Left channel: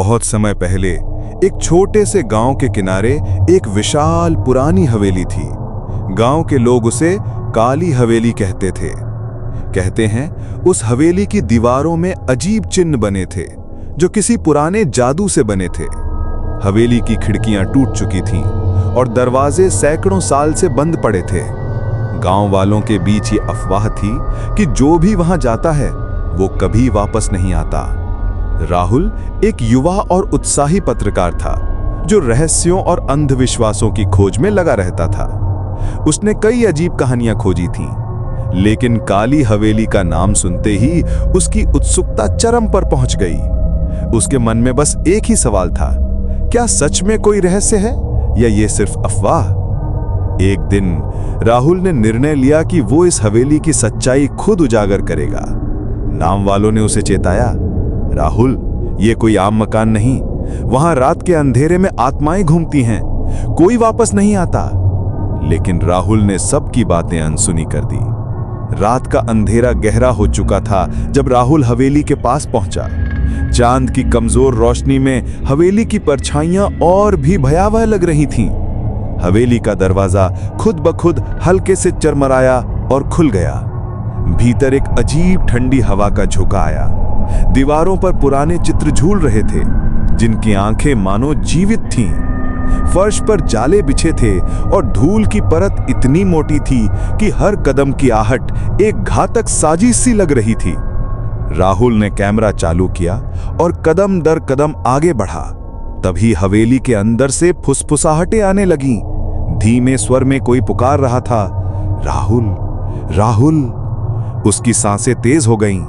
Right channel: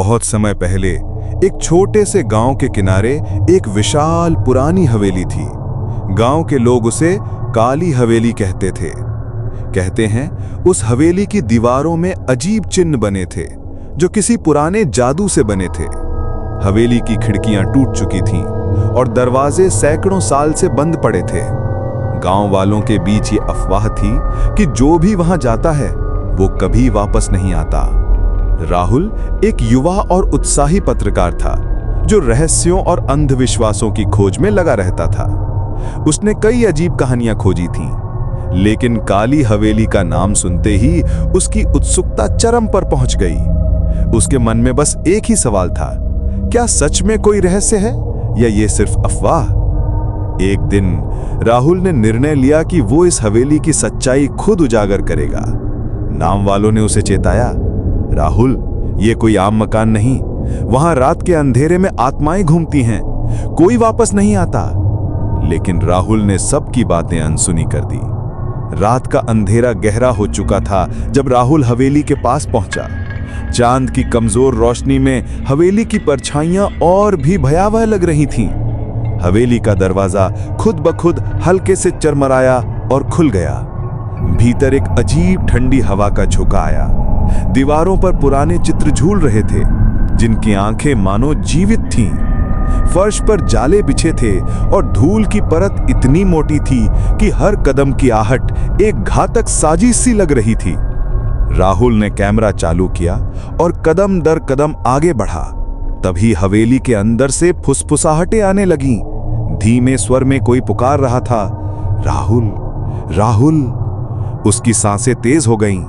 बहुत समय पहले एक छोटे से गांव के किनारे एक विशाल पुरानी हवेली थी। गांव के लोग उसे काली हवेली कहते थे। कहते हैं उस हवेली की दीवारों में अजीब चिन्ह बने थे जो किसी पुराने जादू से बने थे। हवेली की खिड़कियां टूट चुकी थीं और दरवाजे सैकड़ों साल से बंद पड़े थे। गांव वालों के बीच ये अफवाह थी कि जो भी वहां जाता है वो कभी वापस नहीं आता। राहुल एक युवा और उत्साही पत्रकार था जो रहस्यों और अंधविश्वासों की खोज में लगा रहता था। उसने कई अजीब कहानियां खोजी थीं, लेकिन काली हवेली का नाम सुनते ही उसकी उत्सुकता चरम पर पहुंच गई। उसके मन में बस एक ही सवाल था, क्या सच में कोई रहस्य है या ये सिर्फ अफवाह? एक दिन राहुल ने निर्णय लिया कि वो इस हवेली की सच्चाई खुद उजागर करेगा। नाम वालों ने उसे चेताया, राहुल, ये कोई आम मकान नहीं, वहां रात के अंधेरे में आत्माएं घूमती हैं, कोई वापस नहीं आता। लेकिन राहुल ने सबकी बातें अनसुनी कर दी। रात का अंधेरा गहरा हो चुका था जब राहुल हवेली के पास पहुंचा। चांद की कमजोर रोशनी में हवेली की परछाइयां और भी भयावह लग रही थीं। हवेली का दरवाजा खुद ब खुद हल्के से चरमराया और खुल गया। भीतर एक अजीब ठंडी हवा का झोंका आया। दीवारों पर पुराने चित्र झूल रहे थे जिनकी आंखें मानो जीवित थीं। फर्श पर जाले बिछे थे और धूल की परत इतनी मोटी थी कि हर कदम की आहट एक घातक साजिश सी लग रही थी। राहुल ने कैमरा चालू किया और कदम दर कदम आगे बढ़ा। तभी हवेली के अंदर से फुसफुसाहटें आने लगीं। धीमे स्वर में कोई पुकार रहा था, राहुल, राहुल। उसकी सांसें तेज हो गईं।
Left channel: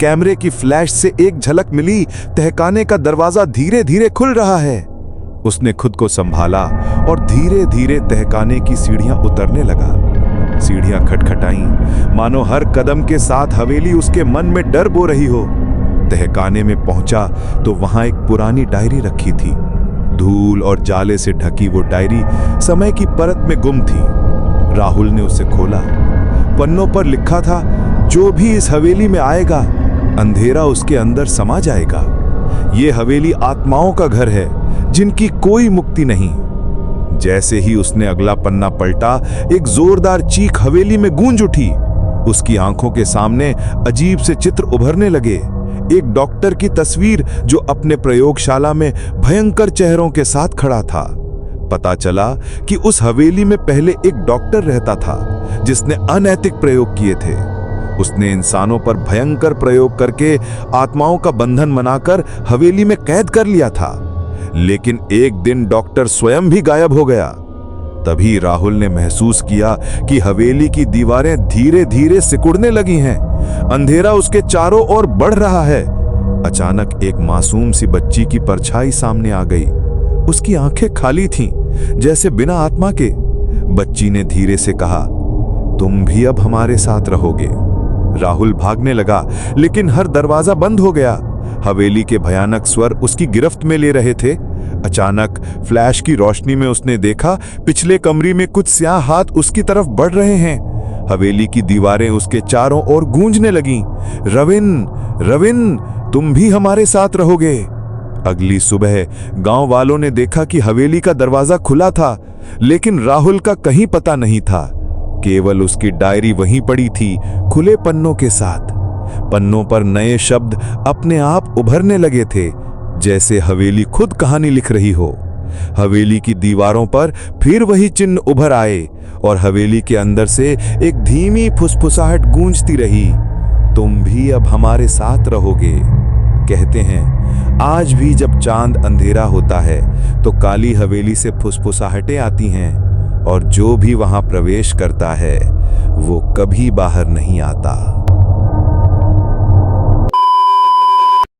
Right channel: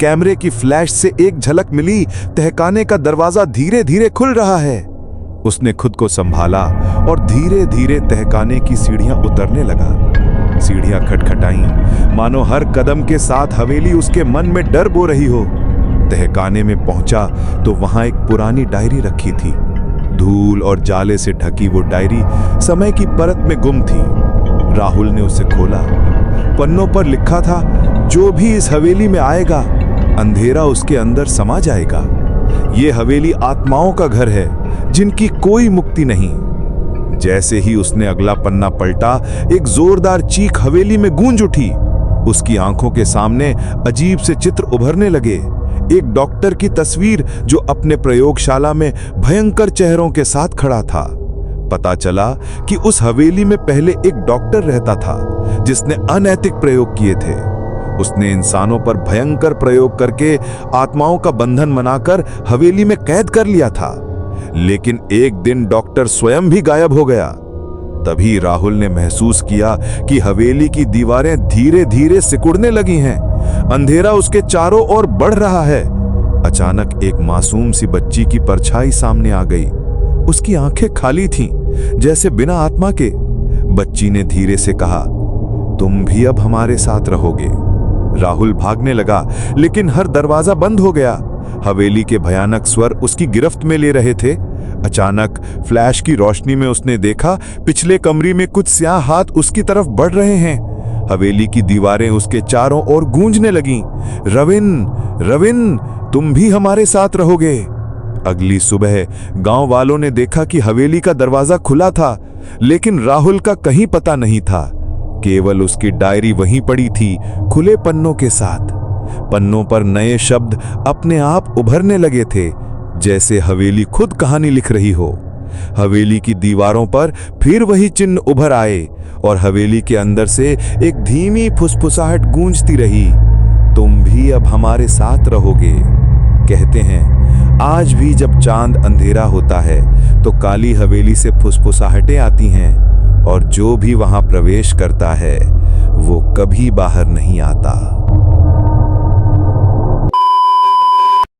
कैमरे की फ्लैश से एक झलक मिली, तहखाने का दरवाजा धीरे धीरे खुल रहा है। उसने खुद को संभाला और धीरे धीरे तहखाने की सीढ़ियां उतरने लगा। सीढ़ियां खटखटाईं, मानो हर कदम के साथ हवेली उसके मन में डर बो रही हो। तहखाने में पहुंचा तो वहां एक पुरानी डायरी रखी थी। धूल और जाले से ढकी वो डायरी समय की परत में गुम थी। राहुल ने उसे खोला। पन्नों पर लिखा था, जो भी इस हवेली में आएगा, अंधेरा उसके अंदर समा जाएगा। ये हवेली आत्माओं का घर है जिनकी कोई मुक्ति नहीं। जैसे ही उसने अगला पन्ना पलटा, एक जोरदार चीख हवेली में गूंज उठी। उसकी आंखों के सामने अजीब से चित्र उभरने लगे। एक डॉक्टर की तस्वीर जो अपने प्रयोगशाला में भयंकर चेहरों के साथ खड़ा था। पता चला कि उस हवेली में पहले एक डॉक्टर रहता था जिसने अनैतिक प्रयोग किए थे। उसने इंसानों पर भयंकर प्रयोग करके आत्माओं का बंधन बनाकर हवेली में कैद कर लिया था। लेकिन एक दिन डॉक्टर स्वयं भी गायब हो गया। तभी राहुल ने महसूस किया कि हवेली की दीवारें धीरे धीरे सिकुड़ने लगी हैं। अंधेरा उसके चारों ओर बढ़ रहा है। अचानक एक मासूम सी बच्ची की परछाई सामने आ गई। उसकी आंखें खाली थीं, जैसे बिना आत्मा के। बच्ची ने धीरे से कहा, तुम भी अब हमारे साथ रहोगे। राहुल भागने लगा, लेकिन हर दरवाजा बंद हो गया। हवेली के भयानक स्वर उसकी गिरफ्त में ले रहे थे। अचानक फ्लैश की रोशनी में उसने देखा, पिछले कमरे में कुछ स्याह हाथ उसकी तरफ बढ़ रहे हैं। हवेली की दीवारें उसके चारों ओर गूंजने लगीं। रविन, रविन, तुम भी हमारे साथ रहोगे। अगली सुबह गांव वालों ने देखा कि हवेली का दरवाजा खुला था, लेकिन राहुल का कहीं पता नहीं था। केवल उसकी डायरी वहीं पड़ी थी, खुले पन्नों के साथ। पन्नों पर नए शब्द अपने आप उभरने लगे थे, जैसे हवेली खुद कहानी लिख रही हो। हवेली की दीवारों पर फिर वही चिन्ह उभर आए और हवेली के अंदर से एक धीमी फुसफुसाहट गूंजती रही, तुम भी अब हमारे साथ रहोगे। कहते हैं आज भी जब चांद अंधेरा होता है तो काली हवेली से फुसफुसाहटें आती हैं और जो भी वहां प्रवेश करता है वो कभी बाहर नहीं आता।